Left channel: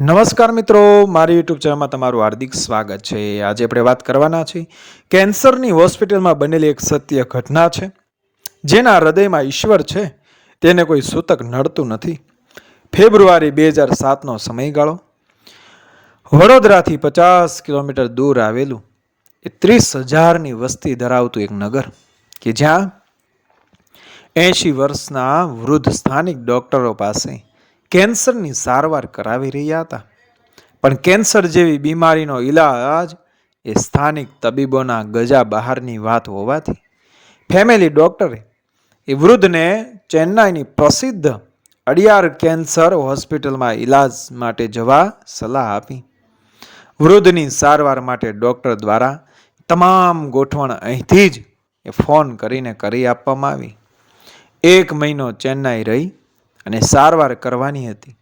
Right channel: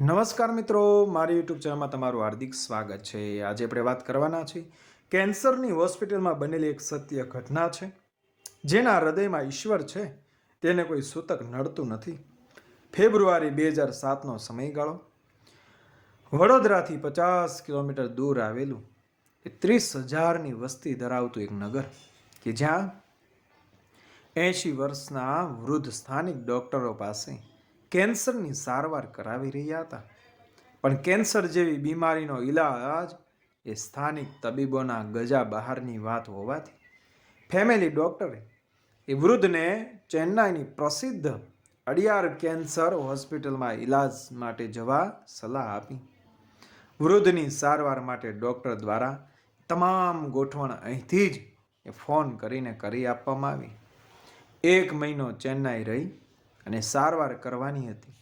નમસ્કાર મિત્રો, મારી યુટ્યુબ ચેનલમાં તમારું હાર્દિક સ્વાગત છે. આજે આપણે વાત કરવાના છીએ કેન્સરની હોસ્પિટલમાં બનેલી એક સત્ય ઘટના છે, જેના હૃદયમાં ઈશ્વર છે, તેને કોઈ સૂતક નડતું નથી. ફેબ્રુઆરી બે હજાર સાતનો સમયગાળો. વડોદરાથી પચાસ કિલોમીટર દૂર આવેલું એ ત્રીસ હજારની વસ્તી ધરાવતું એક નગર, કે જ્યાં એંશી વર્ષના વૃદ્ધ સ્થાનિક ડૉક્ટરો પાસે કેન્સરની સારવાર કરાવી રહ્યા હતા. પણ કેન્સર જેવી બીમારીનો ઈલાજ એ સ્થાનિક તબીબોના ગજા બહારની વાત હોવાથી ફેમિલી ડૉક્ટરે એ વૃદ્ધને ચેન્નાઈની પ્રસિદ્ધ અડિયાર કેન્સર હોસ્પિટલમાં ઈલાજ માટે જવા સલાહ આપી. વૃદ્ધની સારવાર માટે ડૉક્ટર દ્વારા તમામ ગોઠવણ અહીંથી જ એ ફોન કરીને કરી આપવામાં આવી. એક મહિનો ચેન્નાઈ રહી અને સારવાર કરવાની હતી.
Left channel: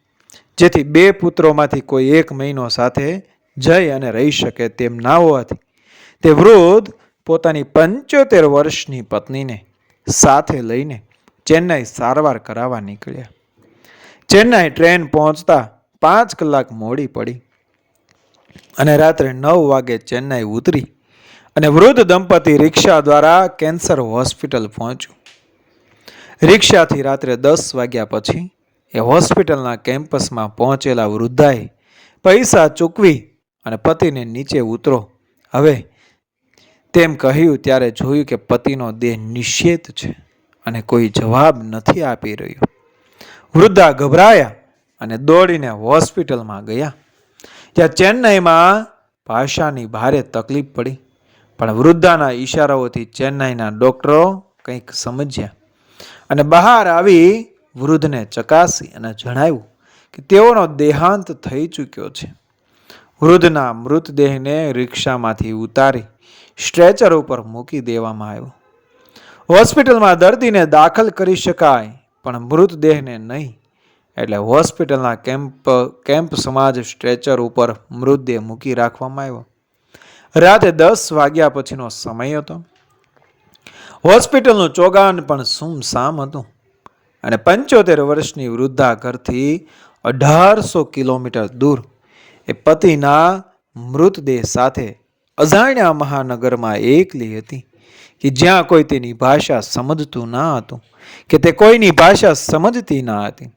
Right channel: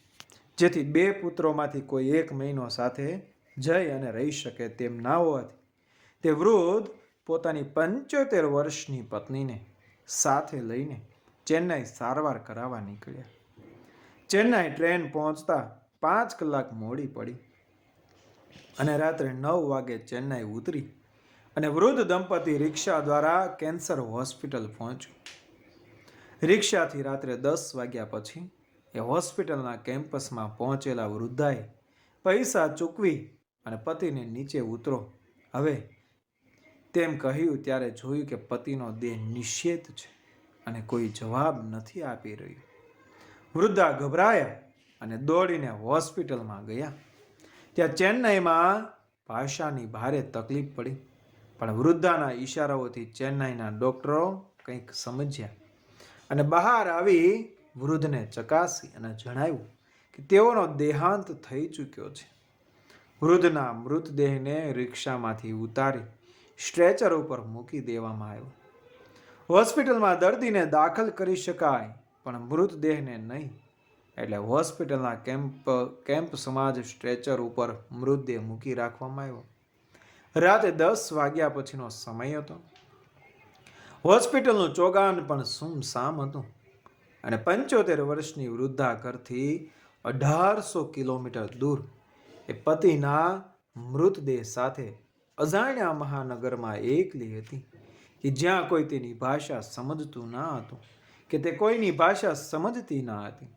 જેથી બે પુત્રોમાંથી કોઈ એક મહિનો સાથે જઈ અને રહી શકે તેમ ના હોવાથી તે વૃદ્ધ પોતાની પંચોતેર વર્ષની પત્નીને સાથે લઈને ચેન્નાઈ સારવાર કરાવવા નીકળ્યા. ચેન્નાઈ ટ્રેન પહોંચતા પાંચ કલાક મોડી પડી અને રાત્રે નવ વાગે ચેન્નાઈ ઉતરી અને વૃદ્ધ દંપતી રિક્ષા દ્વારા કેન્સર હોસ્પિટલ પહોંચ્યું. રિક્ષાથી રાત્રે દસ વાગ્યા પછી એ હોસ્પિટલના કેમ્પસમાં પહોંચેલા વૃદ્ધાએ પૈસા ચૂકવી અને પતિને નીચે ઉતરો. હવે તેમ કહ્યું ત્યારે જોયું કે પતિનો દેહ નિશ્ચેત છે અને કોઈ જવાબ નથી આપી રહ્યો. વૃદ્ધા ગભરાયા અને દોડીને હોસ્પિટલમાં ગયા. ત્યાં ચેન્નાઈમાં ભાષાની ભારે તકલીફ પડી, પણ વૃદ્ધાના ઈશારાઓથી ચેન્નાઈના ડૉક્ટરો કંઈક સમજ્યા. અને બહાર આવી વૃદ્ધને ચકાસી અને જણાવ્યું કે તેઓનો દેહાંત થઈ ચૂક્યો છે. વૃદ્ધના મૃતદેહને રિક્ષામાંથી ઉતારી સ્ટ્રેચર ઉપર મૂકી દેવામાં આવ્યો. હોસ્પિટલમાં દર્દીને દાખલ કરી શકાય, પણ મૃતદેહને નહીં. એટલે હોસ્પિટલના કેમ્પ કેમ્પ સમાજ સ્ટ્રેચર ઉપર મૃતદેહ મૂકી રાખવામાં આવ્યો. રાતે દસ વાગ્યા પછીનો સમય હતો. હોસ્પિટલનું ચોગાન પણ સુમસામ હતું. અને પંચોતેર વર્ષની વૃદ્ધા ઘરથી અઢારસો કિલોમીટર દૂર. એ પતિના મૃતદેહ સાથે અજાણ્યા મહાનગરમાં એકલી હતી કે જ્યાં કોઈ તેની ભાષા સમજતું ના હતું, કે તે કોઈની ભાષા સમજતી ના હતી.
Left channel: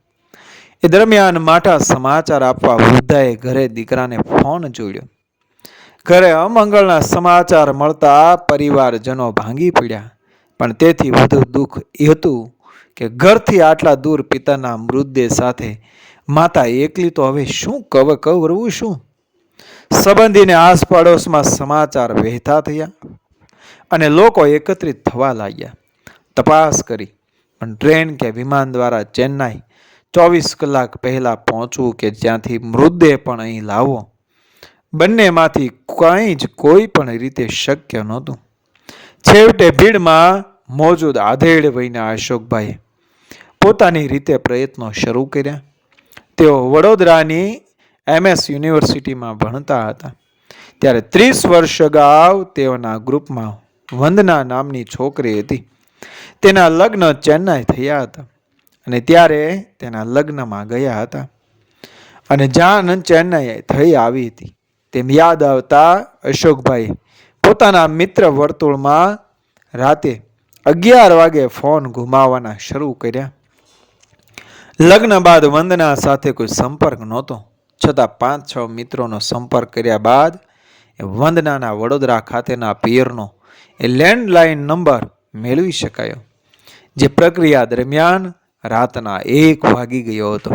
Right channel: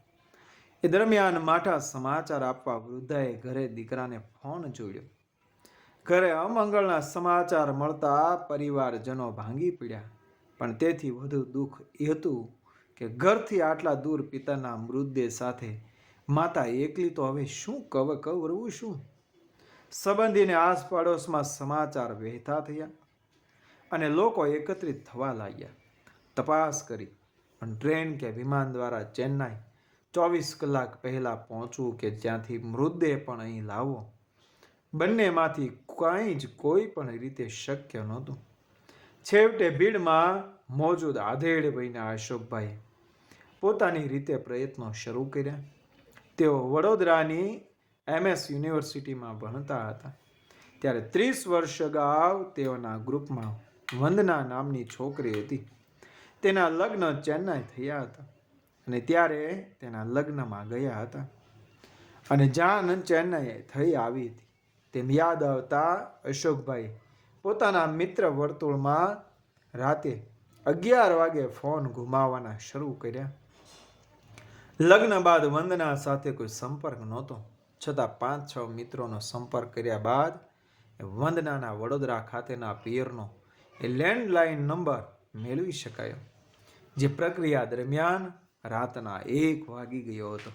એ દરમિયાન માઠા સમાચાર આપવા વૃદ્ધાએ ઘરે દીકરાને ફોન જોડ્યો. ઘરે અમંગળના સમાચાર મળતા પરિવારજનો ભાંગી પડ્યા. પણ તેથી વધુ દુઃખ એ હતું કે ઘરથી આટલા દૂર પિતાના મૃતદેહ સાથે, માતા, એકલી તો હવે શું કવ, કવરવું શું? સંબંધીને આસપાડોશમાં સમાચાર વહેતા થયા અને લોકો એકત્રિત થવા લાગ્યા. તપાસ કરી પણ ટ્રેન કે વિમાન દ્વારા ચેન્નાઈ ચોવીસ કલાક પહેલાં પહોંચવું કે જ્યાંથી મૃતદેહ પણ અહીં લાવવો, બંનેમાંથી કંઈ જ કોઈ પણ રીતે શક્ય નહોતું. છેવટે ભીડમાં મોજૂદ આધેડ વયના અશોકભાઈએ પોતાની રીતે પ્રયત્નો શરૂ કર્યા. તેઓ વડોદરાની એમએસ યુનિવર્સિટીમાં ભણતા હતા. ત્યારે ત્રીસ વર્ષ અગાઉ તેઓના ગ્રુપમાં વંદના નામની છોકરી હતી. તેના લગ્ન ચેન્નાઈ થયા હતા અને ત્યારે તેના લગ્નમાં ગયા હતા. અને જાન ચેન્નાઈ થઈ આવી હતી. તેમ યાદ આવતા અશોકભાઈ પોતાના મિત્ર વર્તુળમાં રાતે અગિયાર વાગે ફોન ઘુમાવવાના શરૂ કર્યા. લગ્ન બાદ વંદના સાથે કોઈ સંપર્ક નહોતો. છતાં પાંચ, છ મિત્રોનો સંપર્ક કર્યા બાદ એ વંદનાના વડોદરા ખાતેના પિયરનો એ લેન્ડલાઇન નંબર મેળવી શકાયો, જે પ્રક્રિયા દરમિયાન રાતના એક વાગી ગયો હતો.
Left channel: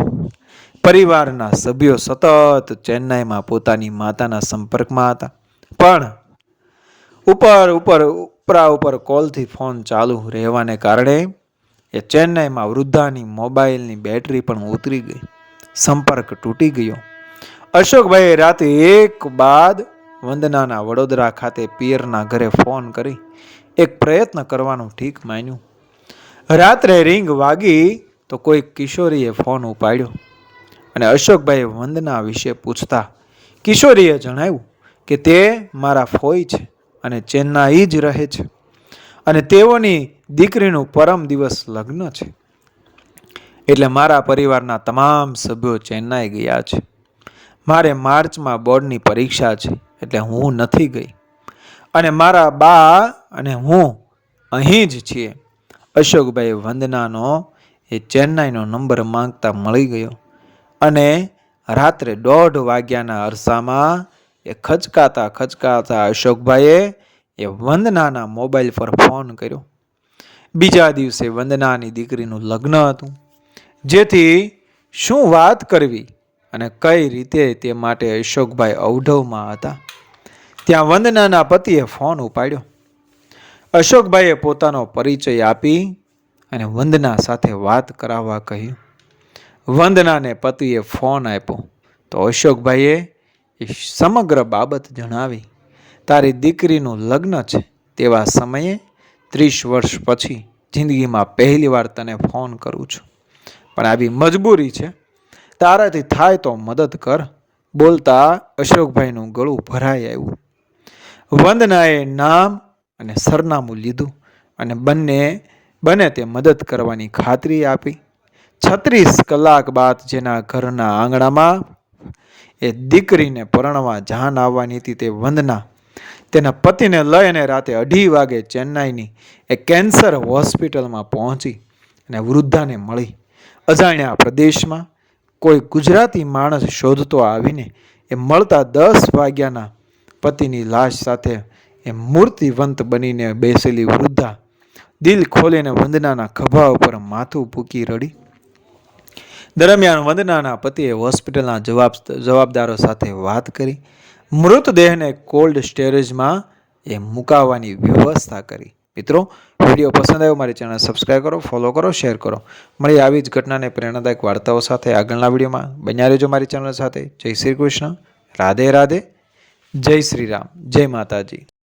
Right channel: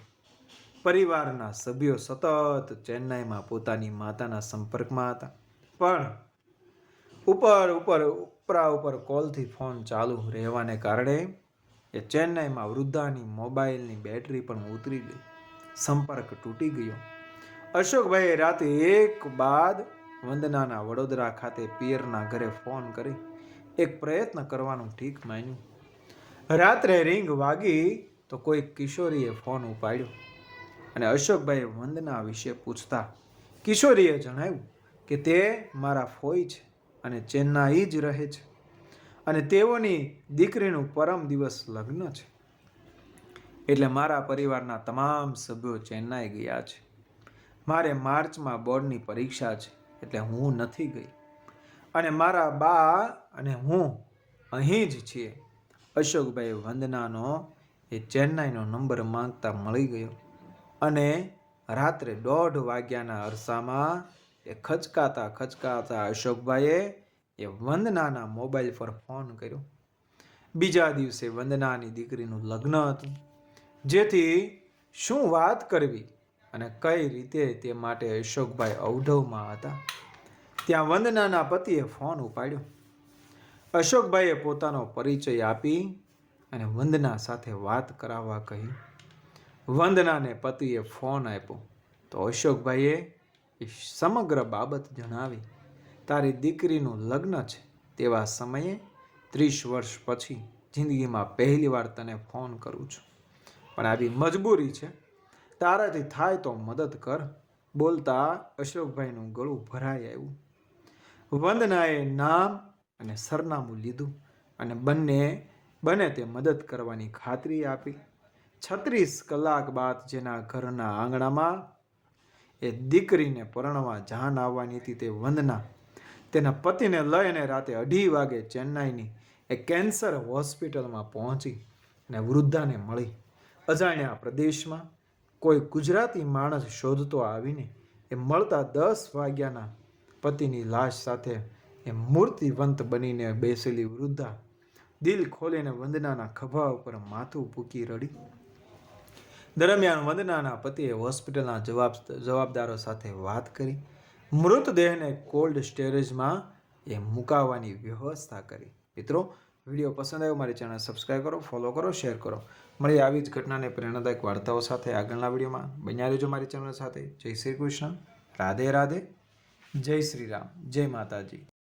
પરિવારના સભ્યો સતત ચેન્નાઈમાં પોતાની માતાના સંપર્કમાં હતા. પણ ઉપર ઉપર, ઉપરા ઉપર કોલથી ફોન ચાલુ રહેવાને કારણે એ ચેન્નાઈમાં વૃદ્ધાની મોબાઈલની બેટરી પણ ઉતરી ગઈ. સંપર્ક તૂટી ગયો. અશોકભાઈએ રાતે એક બાદ વંદનાના વડોદરા ખાતે પિયરના ઘરે ફોન કરી. એક પ્રયત્ન કરવાનું ઠીક માન્યું. રાત્રે રિંગ વાગી તો કોઈ કિશોરીએ ફોન ઉપાડ્યો અને અશોકભાઈએ વંદના વિશે પૂછતા, કિશોરીએ જણાવ્યું કે તે મારા ફોઈ છે. અને ચેન્નાઈ જ રહે છે. અને તેઓની દીકરીનું પરમ દિવસ લગ્ન છે. એટલે મારા પરિવારના તમામ સભ્યો ચેન્નાઈ ગયા છે. મારે માર્ચમાં બોર્ડની પરીક્ષા છે, એટલે હું નથી ગઈ. અને મારા બા અને હું અહીં જ છીએ. અશોકભાઈ વંદનાનો એ ચેન્નાઈનો નંબર માંગતા મળી ગયો. અને રાત્રે દોઢ વાગ્યાના અરસામાં એ ખચકાતા ખચકાતા અશોકભાઈએ એ વંદનાના મોબાઈલ પર ફોન કર્યો. બીજા દિવસે વંદનાની દીકરીનું લગ્ન હતું. જેથી શું વાત કરવી અને કઈ રીતે તે માટે અશોકભાઈ અવઢવમાં હતા. ત્યાં વંદનાના પતિએ ફોન ઉપાડ્યો. અશોકભાઈએ પોતાનો પરિચય આપી અને વંદના સાથે વાત કરાવવા કહ્યું. વંદનાને પતિએ ફોન આપ્યો. તો અશોકભાઈએ એ સમગ્ર બાબત જણાવી, તારી દીકરીનું લગ્ન છે તેવા સમયે ત્રીસ વર્ષ પછી જિંદગીમાં પહેલીવાર તને ફોન કરું છું. પણ આવી મજબૂરી છે. તારાથી થાય તો મદદ કર. બોલતા અશોકભાઈનું ગળું ભરાઈ આવ્યું. વંદનાએ નામ અને સરનામું લીધું અને બંને, બને તે મદદ કરવાની ખાતરી આપી. છત્રીસ કલાક બાદ જેના ઘરના આંગણામાં એ દીકરીને પરણવા જાન આવવાની હતી તે વંદના. તેના પતિને લઈ અને રાતે અઢી વાગે ચેન્નાઈની એ કેન્સર હોસ્પિટલમાં પહોંચી અને વૃદ્ધાને મળી. અજાણ્યા પ્રદેશમાં કોઈ ગુજરાતી માણસ શોધતો આવીને એ મળતા દસ વાગ્યાના પતિની લાશ સાથે એ મૂર્તિવંત બનીને બેસેલી વૃદ્ધા દિલ ખોલીને વંદનાના ખભા ઉપર માથું પૂકી રડી. દરમિયાન વંદનાના પતિએ હોસ્પિટલના જવાબ જવાબદારો સાથે વાત કરી. મૃતદેહને કોલ્ડ સ્ટોરેજમાં એ મુકાવવાની વ્યવસ્થા કરી. મિત્રો, વીડિયો પસંદ આવ્યો મારી ચેનલ સબસ્ક્રાઈબ કરો, ફોલો કરો, શેર કરો. મળી આવી જ ઘટનાને પ્રેરણાદાયક વાર્તાઓ સાથે આગળના વિડીયોમાં. બન્યા રહેજો મારી ચેનલ સાથે. જય શ્રી કૃષ્ણ. રાધે રાધે. જય શ્રી રામ. જય માતાજી.